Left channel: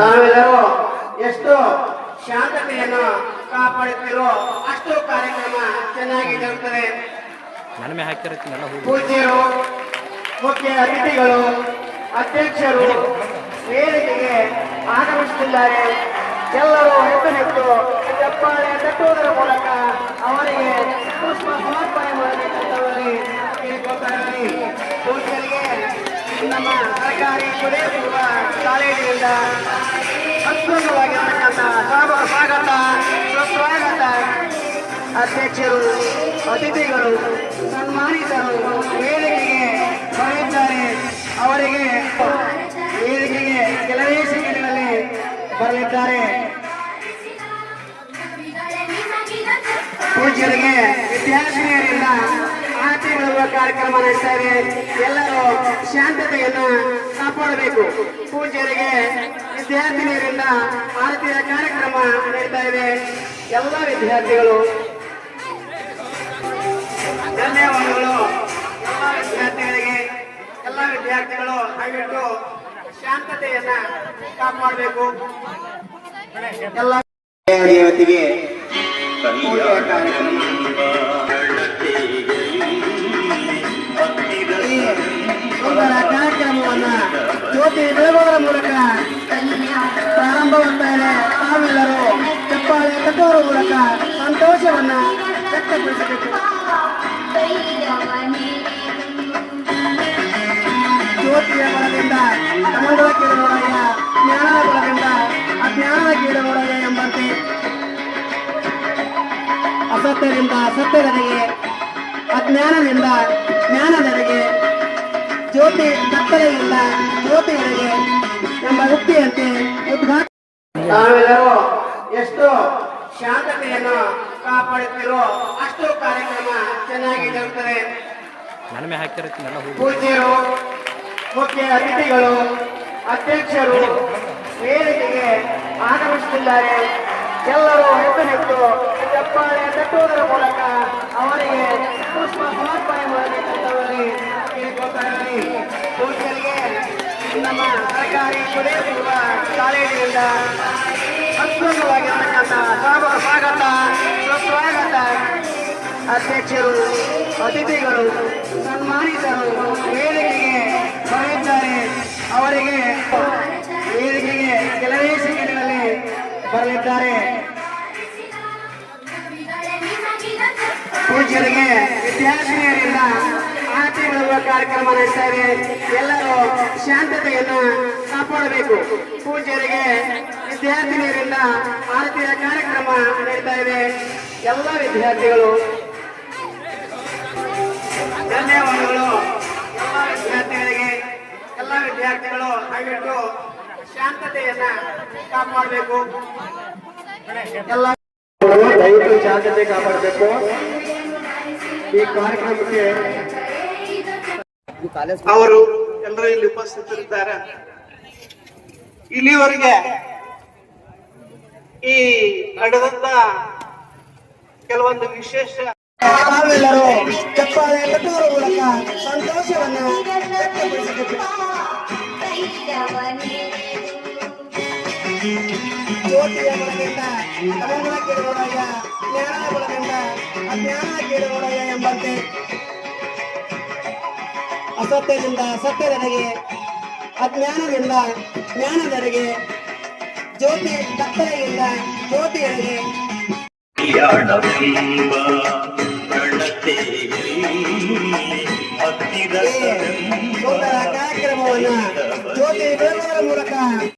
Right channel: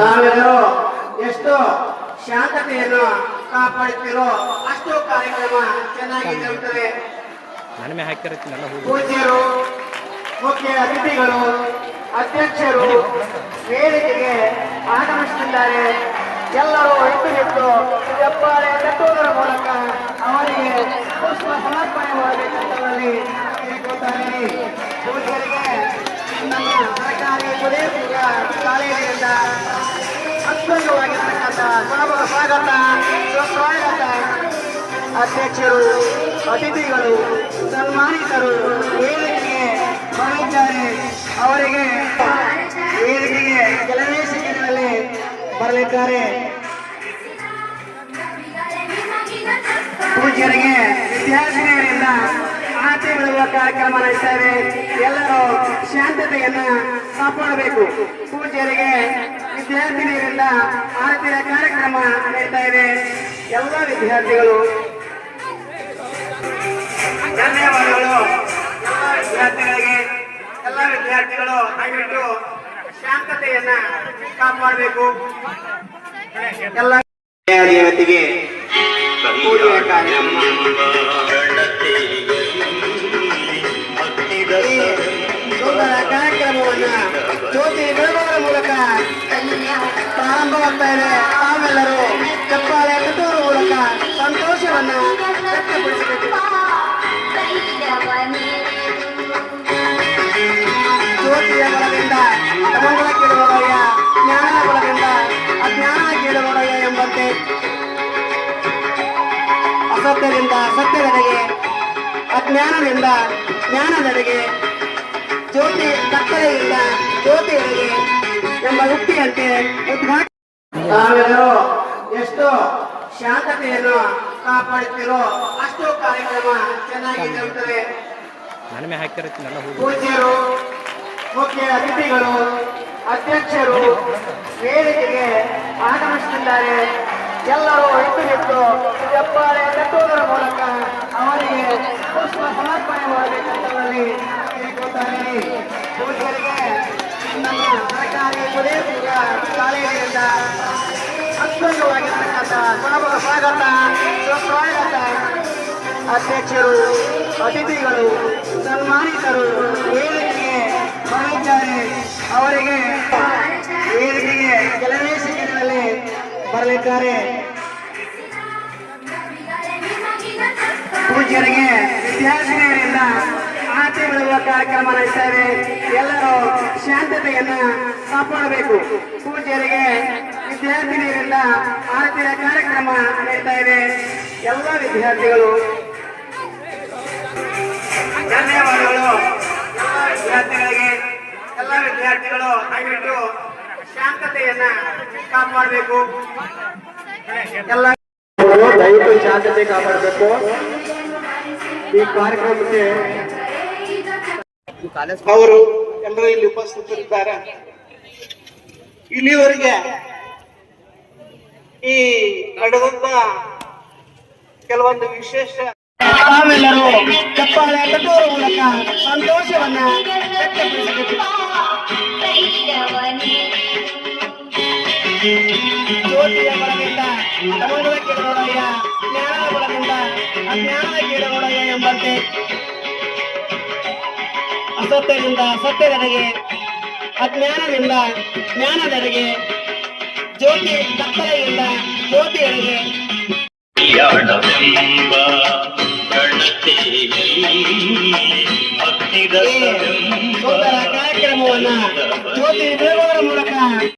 ತಾವೆಲ್ಲರೂ ಎಷ್ಟು ಶಾಂತತೆಯನ್ನು ಕಾಪಾಡುತ್ತೀರೋ ಅಷ್ಟು ಕಾರ್ಯಕ್ರಮ ಚೆನ್ನಾಗಿ ಜರುಗುತ್ತದೆ ಪೂಜ್ಯರು ಮುಖ್ಯ ಅತಿಥಿಗಳು ಅಧ್ಯಕ್ಷರು ವೇದಿಕೆಗೆ ಆಗಮಿಸುತ್ತಿದ್ದಾರೆ. ಎಲ್ಲರೂ ಎದ್ದು ನಿಂತು ಚಪ್ಪಾಳೆ ತಟ್ಟುವುದರ ಮೂಲಕ ಅವರಿಗೆ ಪುಷ್ಪ ಸಮರ್ಪಣೆ ಮಾಡಬೇಕೆಂದಲ್ಲಿ ಕೇಳಿಕೊಳ್ತಾರೆ ಪೂಜ್ಯರಿಗೆ ನಮ್ಮ ಸರ್ಕಾರಿ ಕೊನೆ ಕಾಲೇಜಿನಿಂದ ಅತ್ಯುತ್ತಮವಾಗಿರ್ತಕ್ಕಂಥ ಸ್ವಾಗತ. ಸ್ವಾಗತ ಅಧ್ಯಕ್ಷರು, ಅತಿಥಿಗಳು, ಸನ್ಮಾನಿತರು ವೇದಿಕೆಗೆ ಬರಲಿದ್ದಾರೆ ಅವರಿಗೆ ವೇದಿಕೆಗೆ ಕೆಲವೇ ಸೆಕೆಂಡ್ಗಳಲ್ಲಿ ಬರಲಿದ್ದಾರೆ ಪೂಜ್ಯರಿಗೆ ವಿದ್ಯಾರ್ಥಿನಿಯರಿಂದ ಆರತಿ ಬೆಳುವ ಕಾರ್ಯಕ್ರಮ ನಡೆಸ್ತೇವೆ ಇದೆ. ಶಾಂತತೆಯನ್ನು ಕಾಪಾಡಬೇಕು. ಪೂಜ್ಯರಿಗೆ ವಿದ್ಯಾರ್ಥಿನಿಯರಿಂದ ಆರತಿಯ ಕಾರ್ಯಕ್ರಮ ನಡೀತಾ ಇದೆ. ಎಲ್ಲ ವಿದ್ಯಾರ್ಥಿಗಳು ಧನ್ಯವಾದಗಳು. ಎಲ್ಲ ವಿದ್ಯಾರ್ಥಿಗಳಿಗೆ ಎಲ್ಲ ವಿದ್ಯಾರ್ಥಿಗಳು ದಯವಿಟ್ಟು ಶಾಂತತೆಯನ್ನ ಕಾಪಾಡಬೇಕು. ಎಲ್ಲ ಕಾರ್ಯಕ್ರಮ. ಅಸತ್ಯದಿಂದ ಸತ್ಯದೆಡೆಗೆ ಅಜ್ಞಾನದಿಂದ ಜ್ಞಾನದೆಡೆಗೆ ಜ್ಯೋತಿ ಕತ್ತಲೆಯಿಂದ ಜ್ಯೋತಿಯೆಡೆಗೆ ಎಂಬ ವೃತ್ತಿಯಂತೆ ಉದ್ಘಾಟ ಎಷ್ಟು ಶಾಂತತೆಯನ್ನು ಕಾಪಾಡುತ್ತೀರೋ ಅಷ್ಟು ಕಾರ್ಯಕ್ರಮ ಚೆನ್ನಾಗಿ ಜರುಗುತ್ತದೆ ನನಮೆ ಹಾಕಿರತ್ತೆ ನನ್ನ ಹೋಗಿ. ಪೂಜ್ಯರು ಮುಖ್ಯ ಅತಿಥಿಗಳು ಅಧ್ಯಕ್ಷರು ವೇದಿಕೆಗೆ ಆಗಮಿಸುತ್ತಿದ್ದಾರೆ. ಎಲ್ಲರೂ ಎದ್ದು ನಿಂತು ಚಪ್ಪಾಳೆ ಕಟ್ಟುವುದರ ಮೂಲಕ ಅವರಿಗೆ ಪುಷ್ಪ ಸಮರ್ಪಣೆ ಮಾಡಬೇಕಂತವರಲ್ಲಿ ಕೇಳಿಕೊಳ್ತಾರೆ ಪೂಜ್ಯರಿಗೆ ನಮ್ಮ ಸರ್ಕಾರಿ ಕೊನೆಯ ಕಾಲೇಜಿನಿಂದ ಸ್ವಾಗತ. ಸ್ವಾಗತ. ಸುಸ್ವಾಗತ ಅಧ್ಯಕ್ಷರು, ಅತಿಥಿಗಳು, ಸನ್ಮಾನಿತರು, ವೇದಿಕೆಗೆ ಬರಲಿದ್ದಾರೆ. ಅವರಿಗೆ ವೇದಿಕೆಗೆ ಕೆಲವೇ ಸೆಕೆಂಡ್ಗಳಲ್ಲಿ ಬರಲಿದ್ದಾರೆ. ಪೂಜ್ಯರಿಗೆ ವಿದ್ಯಾರ್ಥಿನಿಯರಿಂದ ಆರತಿ ಬೆಳುವ ಕಾರ್ಯಕ್ರಮ ನಡೆಸ್ತೇವೆ. ಎಲ್ಲರೂ ಶಾಂತತೆಯನ್ನು ಕಾಪಾಡಬೇಕು. ಪೂಜ್ಯರಿಗೆ ವಿದ್ಯಾರ್ಥಿನಿಯರಿಂದ ಆರತಿಯ ಕಾರ್ಯಕ್ರಮ ನಡೀತಾ ಇದೆ. ಎಲ್ಲ ವಿದ್ಯಾರ್ಥಿಗಳು ಧನ್ಯವಾದಗಳು. ಎಲ್ಲ ವಿದ್ಯಾರ್ಥಿಗಳಿಗೆ, ಎಲ್ಲ ವಿದ್ಯಾರ್ಥಿಗಳು ದಯವಿಟ್ಟು ಶಾಂತತೆಯನ್ನ ಕಾಪಾಡಬೇಕು. ಎಲ್ಲ ದಯವಿಟ್ಟು ಶಾಂತತೆ ಕಾಪಾಡಬೇಕು. ಈ ಕಾರ್ಯಕ್ರಮಕ್ಕೆ ಅವರು ಎಲ್ಲರೂ ಇಲ್ಲಿ ಉಪಸ್ಥಿತರಿದ್ದಾರೆ. ಇಲ್ಲಿವರೆಗೆ ಈ ನಡೆದಂತ ಕೆಲವೊಂದು ವಿಶೇಷ ಸಂತೋಷವನ್ನ ಎಂಬಂತೆ ಅಸತ್ಯದಿಂದ ಸತ್ಯದೆಡೆಗೆ ಅಜ್ಞಾನದಿಂದ ಜ್ಞಾನದೆಡೆಗೆ ಜ್ಯೋತಿ ಕತ್ತಲೆಯಿಂದ ಜ್ಯೋತಿಯೆಡೆಗೆ ಯಾಣವೆಂಬ ಗಣತೆಯಲ್ಲಿ ಹತ್ತಿದ ಈ ಸುಂದರ ಕಾರ್ಯಕ್ರಮವನ್ನ ಜ್ಯೋತಿ ಬೆಳಗುವುದರ ಮೂಲಕ